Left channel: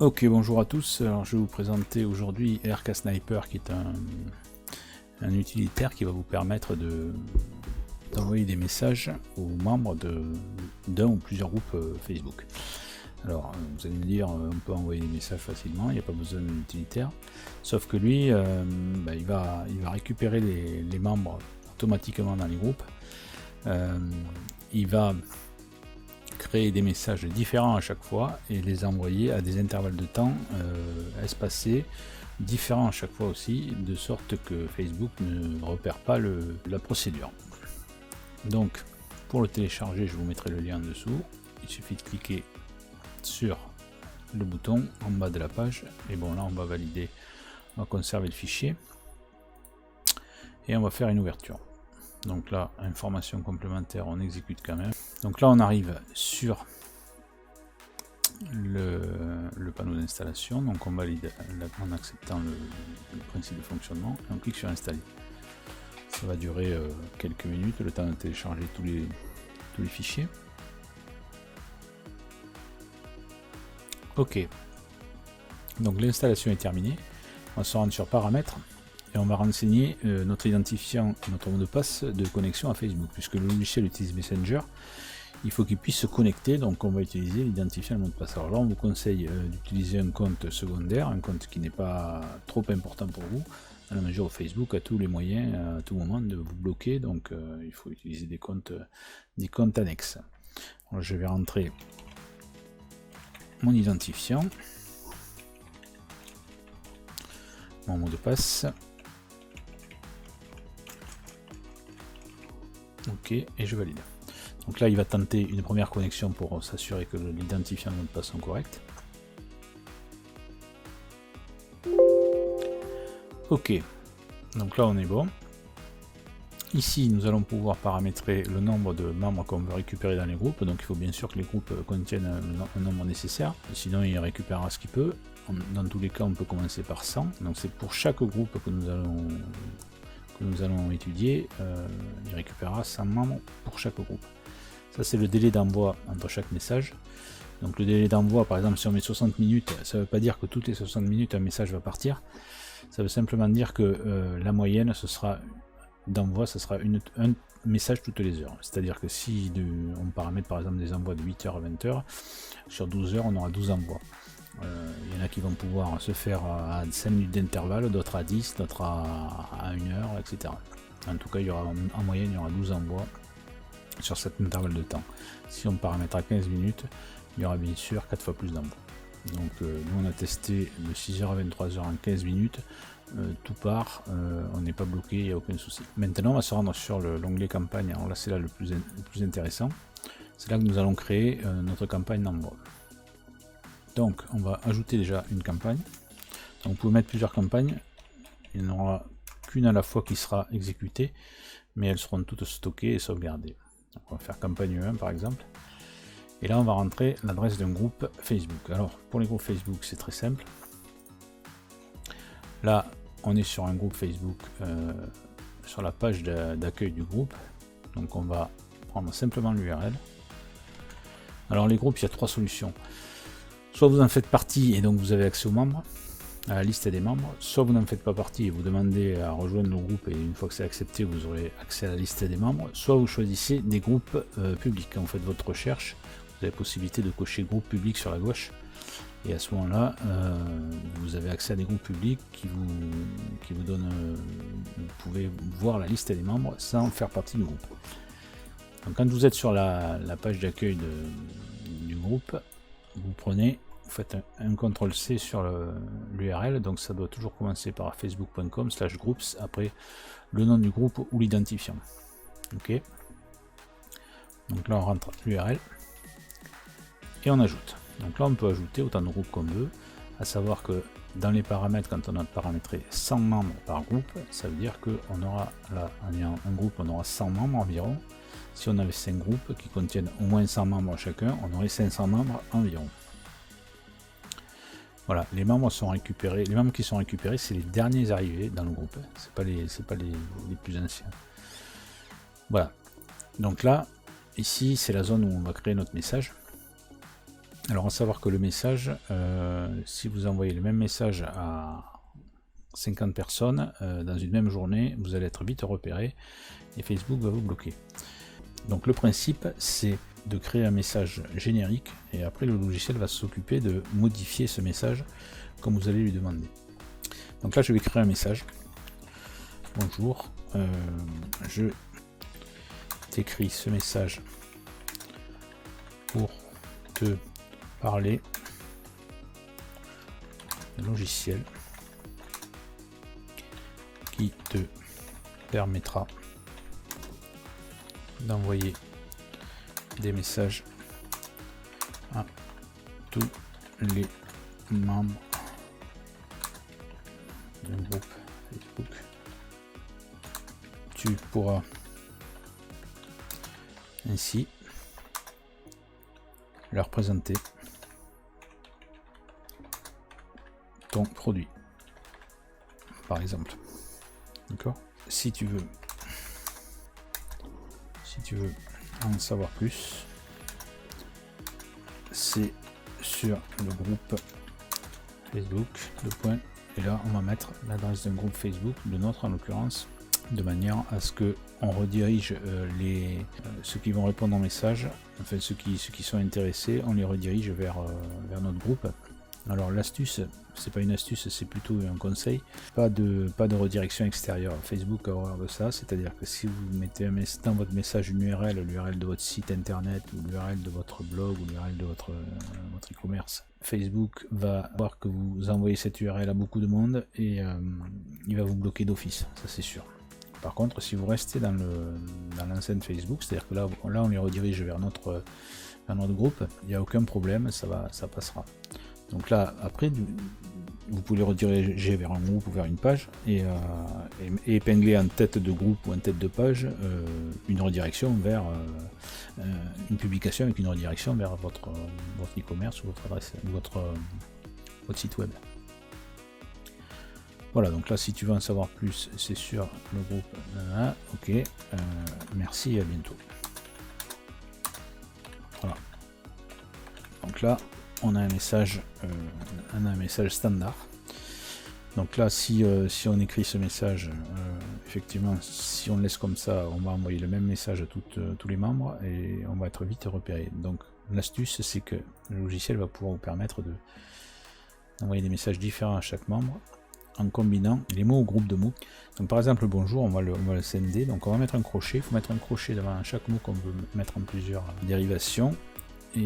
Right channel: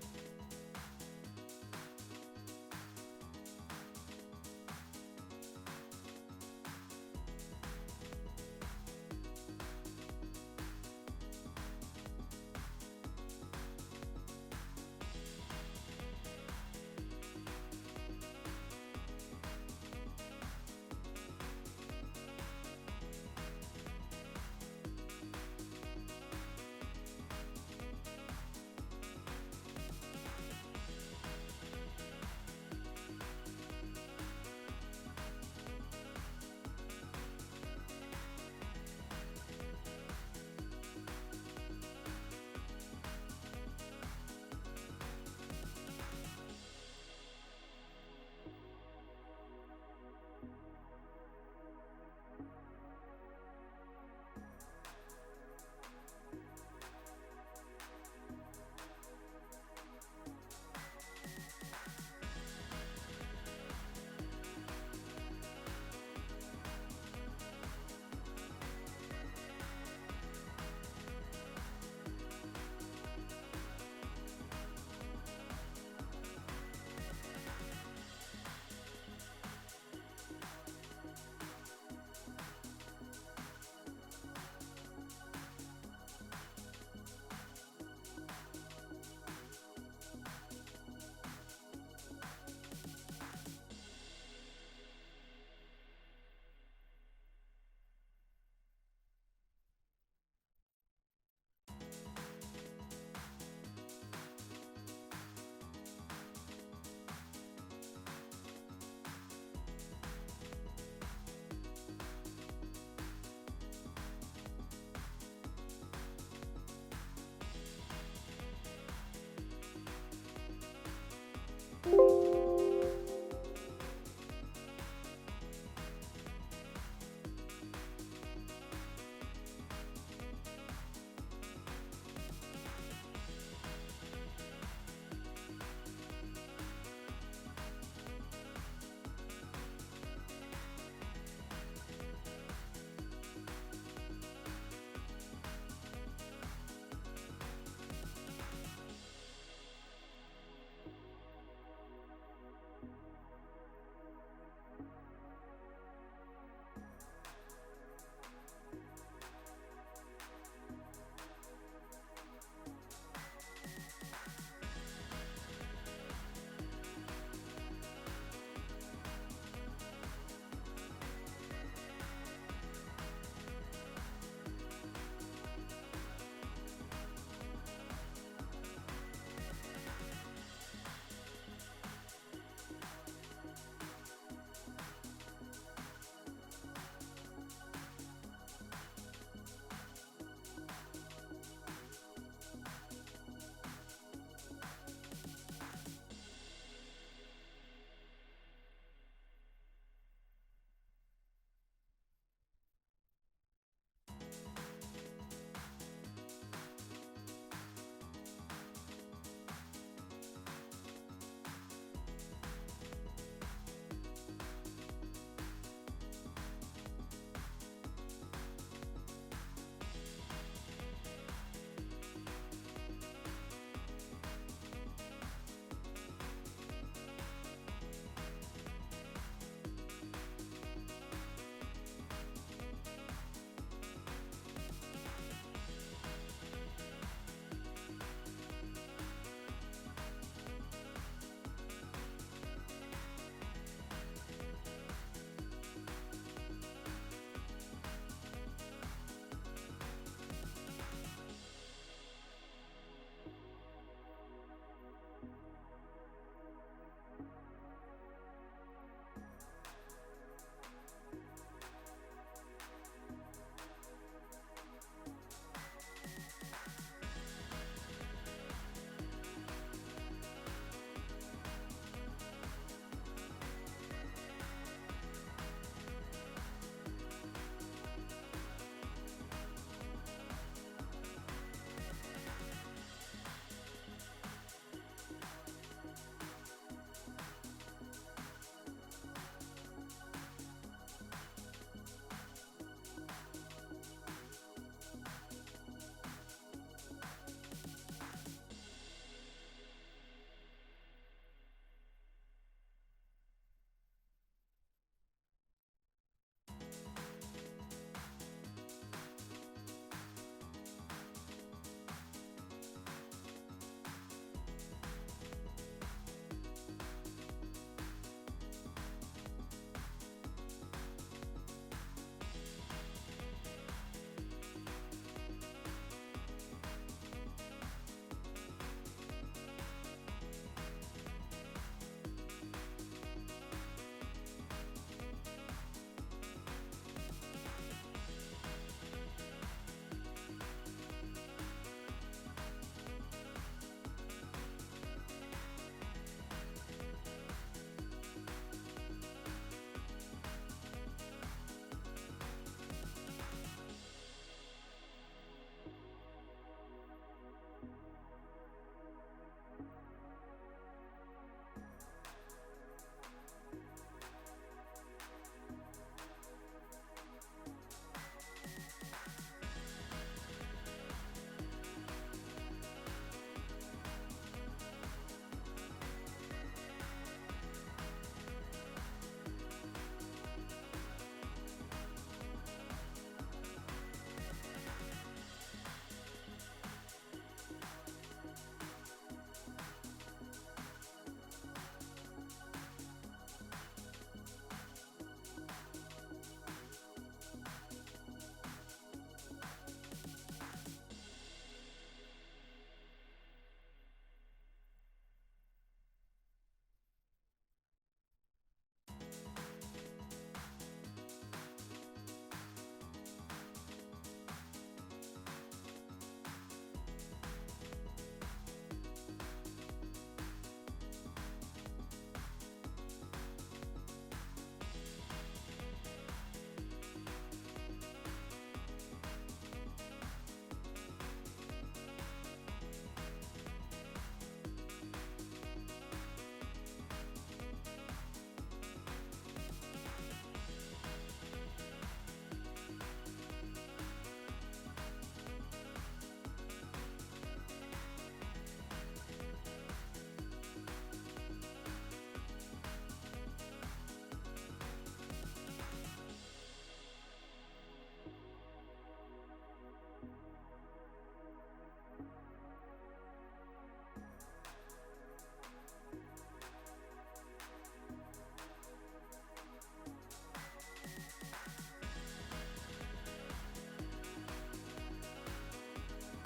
Ok, bonjour à tous. Alors, je vais vous présenter aujourd'hui RK Sniper, qui est un utilitaire qui va vous permettre d'envoyer des messages aux membres d'un ou plusieurs groupes Facebook. Alors, vous allez me dire, on peut envoyer des messages facilement, il n'y a pas besoin d'un utilitaire. Sauf que lui, il va récupérer les membres automatiquement dans les groupes. Il va créer des messages différents à chaque fois et les envoyer à des intervalles de temps espacés, différents à chaque fois aussi, de sorte que Facebook ne repère pas la procédure. Donc, pour le télécharger, je vous mettrai le lien en dessous. Il suffit de cliquer sur le bouton en bas de la page. Et bon, là, on va valider, on va conserver le fichier. Et on va faire une ouverture. Donc là, information complémentaire, on exécute quand même. Donc là, on arrive sur le panneau d'installation. Donc on valide en acceptant le principe de fonctionnement. On clique sur installer. Ça va durer quelques minutes, le temps de télécharger tous les fichiers. Ok. Donc l'installation est terminée. On se rend sur paramètres. Et on va renseigner notre identifiant et notre mot de passe de connexion à Facebook. Puisque le logiciel utilise Messenger, il faut qu'il puisse se connecter, donc on va utiliser l'identifiant et le mot de passe. Alors là, on vous conseille d'utiliser un compte secondaire, un compte qui n'est pas trop important pour vous, à la mesure où Facebook a tous les moyens à tout moment de vous bloquer, donc il faut utiliser des comptes annexes. Alors, je vais rentrer mon identifiant, mon mot de passe. Ok, et je valide. Donc là, il va tenter une première connexion pour s'assurer que l'identifiant et le mot de passe sont corrects. Ok, donc là on est bon. Ici, nous allons pouvoir paramétrer le nombre de membres qu'on veut récupérer dans les groupes. Donc il faut bien sûr que les groupes contiennent un nombre nécessaire. Sinon, il récupérera ce qu'il peut. Dans tous les cas, on peut commencer par 100. Donc c'est pour chaque groupe que nous allons étudier. Il récupérera 100 membres pour chaque groupe. Ça, c'est le délai d'envoi entre chaque message. Donc le délai d'envoi, par exemple, si on met 60 minutes, ça ne veut pas dire que toutes les 60 minutes un message va partir. Ça veut simplement dire que la moyenne, ce sera d'envoi, ce sera un message toutes les heures. C'est-à-dire que si on paramètre par exemple des envois de 8h à 20h, sur 12 heures, on aura 12 envois. Il y en a qui vont pouvoir se faire à 5 minutes d'intervalle, d'autres à 10, d'autres à 1 heure, etc. En tout cas, il y aura, en moyenne, il y aura 12 envois sur cet intervalle de temps. Si on paramètre à 15 minutes, il y aura bien sûr 4 fois plus d'envois. Donc nous on a testé de 6h à 23h en 15 minutes, tout part, on n'est pas bloqué, il n'y a aucun souci. Maintenant on va se rendre sur l'onglet campagne. Alors là c'est là le plus intéressant, c'est là que nous allons créer notre campagne d'envoi. Donc on va ajouter déjà une campagne. Donc vous pouvez mettre plusieurs campagnes, il n'y en aura qu'une à la fois qui sera exécutée, mais elles seront toutes stockées et sauvegardées. Donc on va faire campagne 1 par exemple. Et là, on va rentrer l'adresse d'un groupe Facebook. Alors, pour les groupes Facebook, c'est très simple. Là, on est sur un groupe Facebook, sur la page d'accueil du groupe. Donc, on va prendre simplement l'URL. Alors, les groupes, il y a 3 solutions. Soit vous en faites partie et donc vous avez accès aux membres, à la liste des membres. Soit vous n'en faites pas partie et vous demandez à rejoindre le groupe et une fois que c'est accepté, vous aurez accès à la liste des membres. Soit vous choisissez des groupes publics. Quand vous faites votre recherche, vous avez la possibilité de cocher groupe public sur la gauche et à ce moment là vous avez accès à des groupes publics qui vous donnent, vous pouvez voir la liste des membres sans faire partie du groupe. Donc quand vous êtes sur la page d'accueil du groupe, vous faites un CTRL-C sur l'URL, donc ça doit toujours commencer par facebook.com/groups, après le nom du groupe ou l'identifiant. Ok, donc là on rentre l'URL et on ajoute. Donc là on peut ajouter autant de groupes qu'on veut, à savoir que dans les paramètres, quand on a paramétré 100 membres par groupe, ça veut dire qu'on aura là un groupe, on aura 100 membres environ. Si on avait 5 groupes qui contiennent au moins 100 membres chacun, on aurait 500 membres environ. Voilà, les membres sont récupérés. Les membres qui sont récupérés, c'est les derniers arrivés dans le groupe. C'est pas les plus anciens. Voilà. Donc là, ici, c'est la zone où on va créer notre message. Alors à savoir que le message, si vous envoyez le même message à 50 personnes dans une même journée, vous allez être vite repéré et Facebook va vous bloquer. Donc le principe, c'est de créer un message générique et après le logiciel va s'occuper de modifier ce message comme vous allez lui demander. Donc là je vais créer un message. Bonjour, je t'écris ce message pour te parler d'un logiciel qui te permettra d'envoyer des messages à tous les membres du groupe Facebook. Tu pourras ainsi leur présenter ton produit, par exemple. D'accord ? Si tu veux en savoir plus, c'est sur le groupe Facebook, le point, et là on va mettre l'adresse d'un groupe Facebook, de notre en l'occurrence, de manière à ce que on redirige ceux qui vont répondre en message, enfin ceux qui sont intéressés, on les redirige vers notre groupe. Alors l'astuce, c'est pas une astuce, c'est plutôt un conseil, pas de redirection extérieure. Facebook a horreur de ça, c'est-à-dire que si vous mettez dans votre message une URL, l'URL de votre site internet, ou l'URL de votre blog, ou l'URL de votre e-commerce, Facebook va voir que vous envoyez cette URL à beaucoup de monde et il va vous bloquer d'office, ça c'est sûr. Par contre, si vous restez dans l'enceinte Facebook, c'est-à-dire que là on les redirige vers notre groupe, il n'y a aucun problème, ça passera. Donc là, après, vous pouvez rediriger vers un groupe ou vers une page et épingler en tête de groupe ou en tête de page une redirection vers une publication avec une redirection vers votre e-commerce ou votre adresse, votre site web. Voilà, donc là, si tu veux en savoir plus, c'est sur le groupe. Voilà, ok, merci et à bientôt. Voilà. Donc là, on a un message standard. Donc là, si on écrit ce message, effectivement, si on le laisse comme ça, on va envoyer le même message à tous les membres et on va être vite repéré. Donc l'astuce, c'est que le logiciel va pouvoir vous permettre d'envoyer des messages différents à chaque membre en combinant les mots au groupe de mots. Donc par exemple, bonjour, on va le sender. Donc on va mettre un crochet. Il faut mettre un crochet devant chaque mot qu'on veut mettre en plusieurs dérivations. Et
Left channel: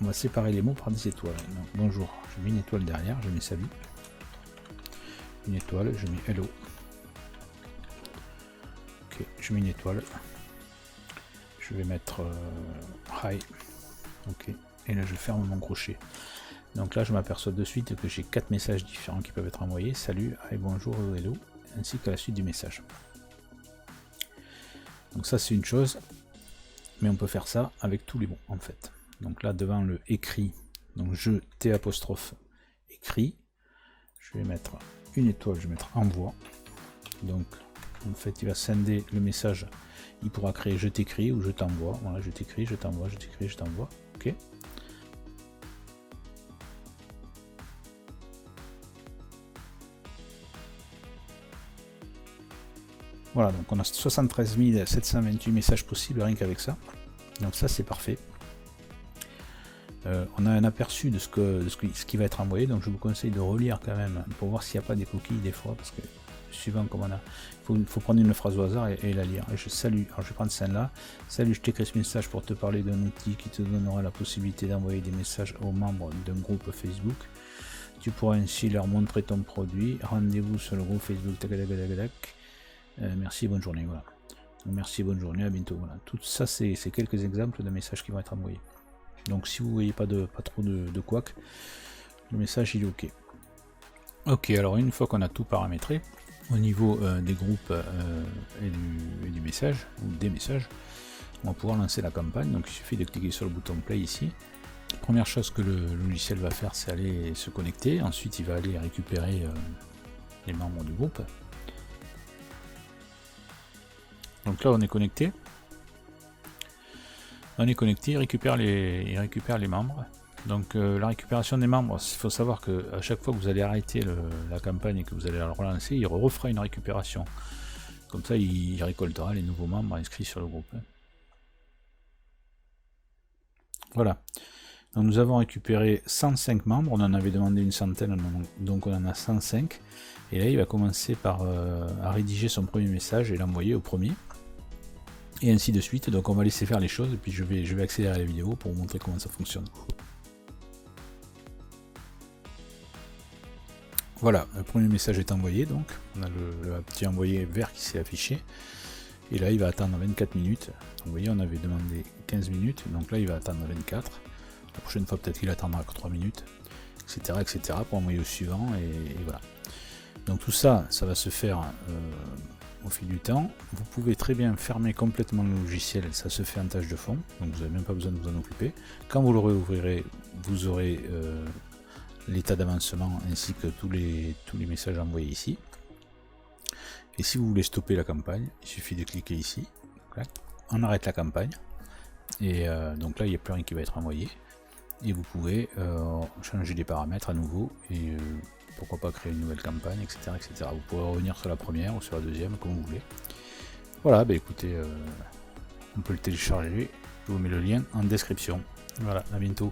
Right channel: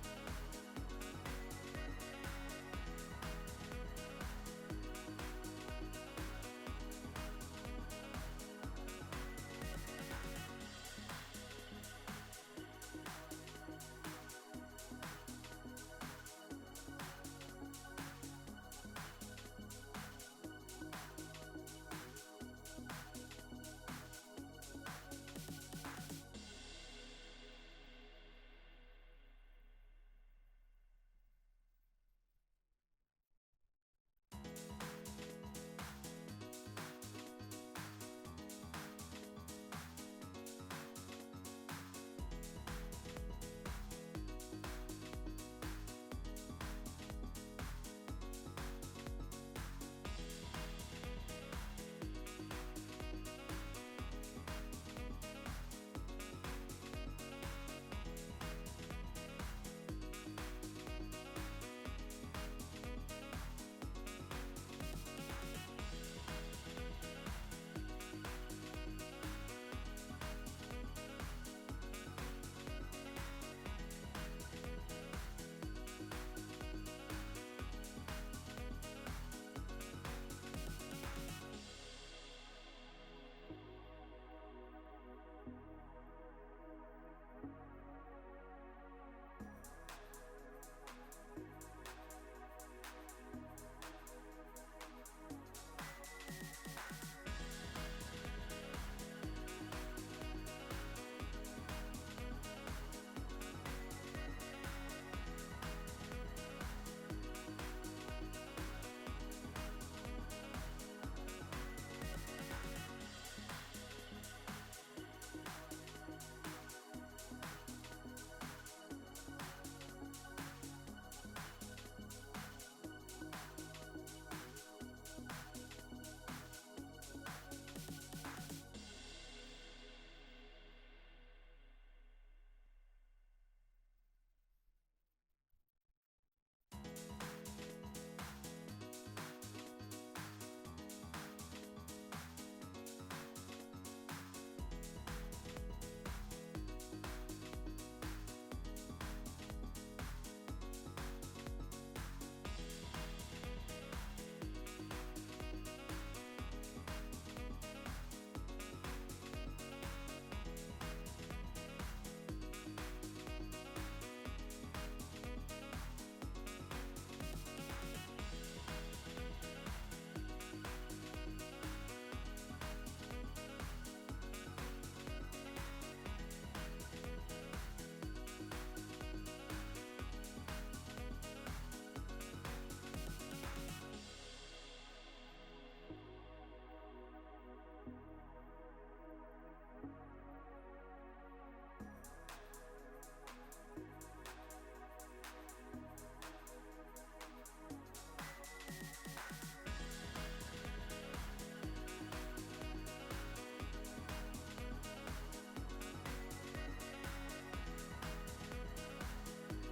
on va séparer les mots par des étoiles. Donc, bonjour, je mets une étoile derrière, je mets salut. Une étoile, je mets hello. Ok, je mets une étoile. Je vais mettre hi. Ok, et là je ferme mon crochet. Donc là je m'aperçois de suite que j'ai 4 messages différents qui peuvent être envoyés. Salut, hi, bonjour, hello, ainsi que la suite du message. Donc ça c'est une chose, mais on peut faire ça avec tous les mots en fait. Donc là devant le écrit, donc je T apostrophe écrit, je vais mettre une étoile, je vais mettre envoi. Donc en fait il va sender le message, il pourra créer je t'écris ou je t'envoie. Voilà, je t'écris, je t'envoie, je t'écris, je t'envoie. Ok. Voilà, donc on a 73 728 messages possibles rien qu'avec ça. Donc ça c'est parfait. On a un aperçu de ce qui va être envoyé, donc je vous conseille de relire quand même pour voir s'il n'y a pas des coquilles des fois, parce que suivant comme on a, il faut prendre une phrase au hasard et la lire. Et je salue, alors je vais prendre celle-là. Salut, je t'écris ce message pour te parler d'un outil qui te donnera la possibilité d'envoyer des messages aux membres d'un groupe Facebook. Tu pourras ainsi leur montrer ton produit. Rendez-vous sur le groupe Facebook. Merci, bonne journée. Voilà. Merci, bonne journée, à bientôt. Voilà. Tout ça, c'est quelques exemples de messages qui vont être envoyés. Donc si vous voyez pas trop de couac, le message il est ok. Ok, alors une fois qu'on a tout paramétré au niveau des groupes et du message ou des messages, on va pouvoir lancer la campagne. Donc il suffit de cliquer sur le bouton play ici. Première chose que le logiciel va faire, c'est aller se connecter. Ensuite il va aller récupérer les membres du groupe. Donc là on est connecté. On est connecté, il récupère les membres. Donc la récupération des membres, il faut savoir que à chaque fois que vous allez arrêter la campagne et que vous allez la relancer, il refera une récupération. Comme ça, il récoltera les nouveaux membres inscrits sur le groupe. Voilà. Donc nous avons récupéré 105 membres, on en avait demandé une centaine, donc on en a 105. Et là, il va commencer par à rédiger son premier message et l'envoyer au premier. Et ainsi de suite. Donc on va laisser faire les choses et puis je vais accélérer la vidéo pour vous montrer comment ça fonctionne. Voilà, le premier message est envoyé, donc on a le petit envoyé vert qui s'est affiché. Et là, il va attendre 24 minutes. Vous voyez, on avait demandé 15 minutes, donc là, il va attendre 24. La prochaine fois, peut-être qu'il attendra que 3 minutes, etc. pour envoyer au suivant, et voilà. Donc tout ça, ça va se faire au fil du temps. Vous pouvez très bien fermer complètement le logiciel, ça se fait en tâche de fond, donc vous n'avez même pas besoin de vous en occuper. Quand vous le réouvrirez, vous aurez l'état d'avancement ainsi que tous les messages envoyés ici. Et si vous voulez stopper la campagne, il suffit de cliquer ici, on arrête la campagne, et donc là il n'y a plus rien qui va être envoyé, et vous pouvez changer les paramètres à nouveau, et pourquoi pas créer une nouvelle campagne, etc. Vous pourrez revenir sur la première ou sur la deuxième, comme vous voulez. Voilà, bah écoutez, on peut le télécharger, je vous mets le lien en description. Voilà, à bientôt.